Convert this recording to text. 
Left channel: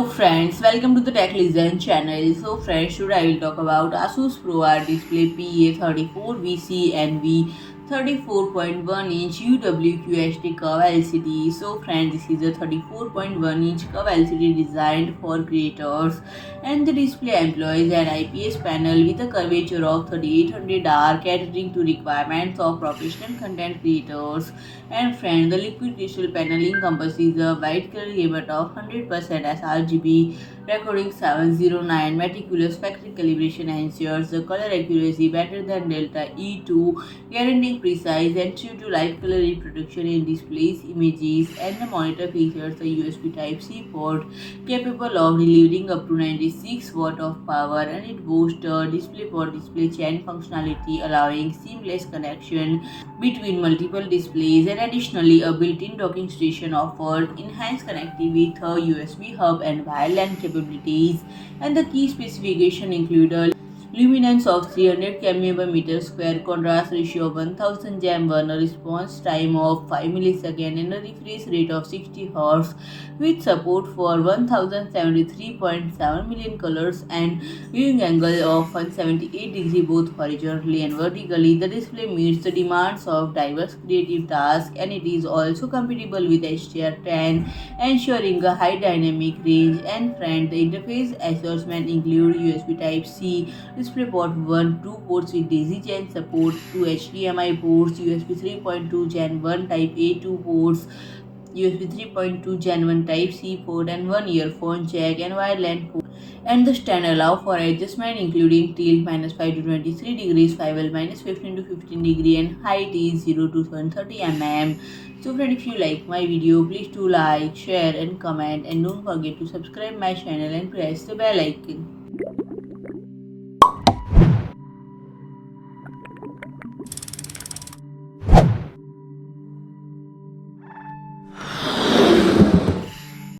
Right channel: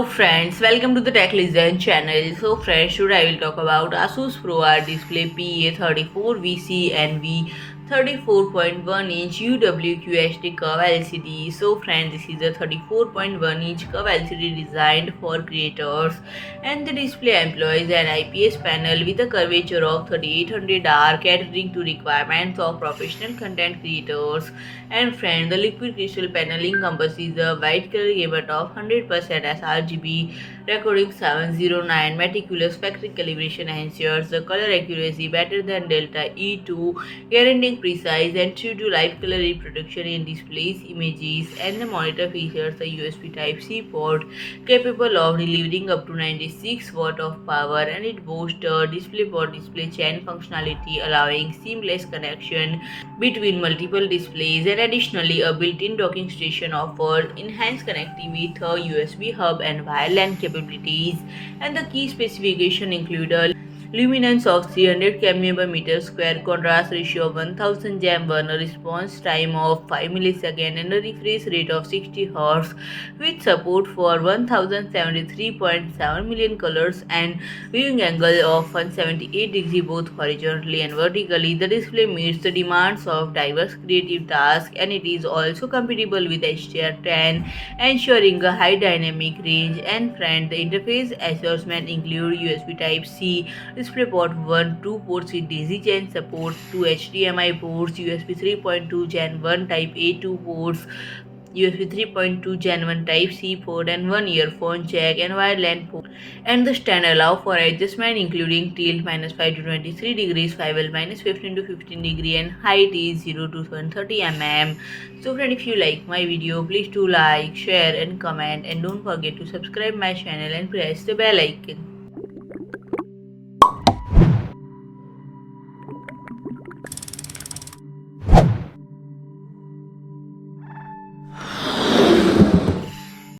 Hello friends, welcome to the Tech Listen channel. So friends, today I will talk about ASUS ProArt display PA34VCNV 34.1-inch UWQHD curve LCD. So friends, this is a 34.1-inch curve LCD designed for creators, and the display employs an IPS panel with a curvature of 3800R, catering to requirements of professional content creators. And friend, the liquid crystal panel encompasses a white color gamut of 100% sRGB, recording 709. Meticulous factory calibration ensures the color accuracy better than Delta E2, guaranteeing precise and true to life color reproduction in displays, images, and the monitor features a USB Type-C port capable of delivering up to 96 watt of power, and it boasts a DisplayPort display chain functionality allowing seamless connection between multiple displays, and additionally a built-in docking station offers enhanced connectivity with a USB hub and wire LAN capabilities, and the key specifications include a luminance of 300 kmA per meter square, contrast ratio of 1000 jam1, a response time of 5 milliseconds, and a refresh rate of 60 Hz with support for 1073.7 million colors and viewing angle of 178 degrees both horizontally and vertically. The display meets the demands of diverse creative tasks, and it is also compatible with HDR10, ensuring a high dynamic range. And friend, the interface assortment include USB Type-C, DisplayPort 1, 2 ports with daisy chain support, 2 HDMI ports, USB 3.2 Gen 1 Type A 2 ports, USB 3.2 Gen 1 Type-C port, and one earphone jack and wire LAN port. And the stand allow for adjustment including tilt -5 to 23 degrees, swivel -15 to 15 degree, and height is 0 to 130 mm. So friend, if you like my video, please do like, share and comment, and don't forget to subscribe my channel and press the bell icon.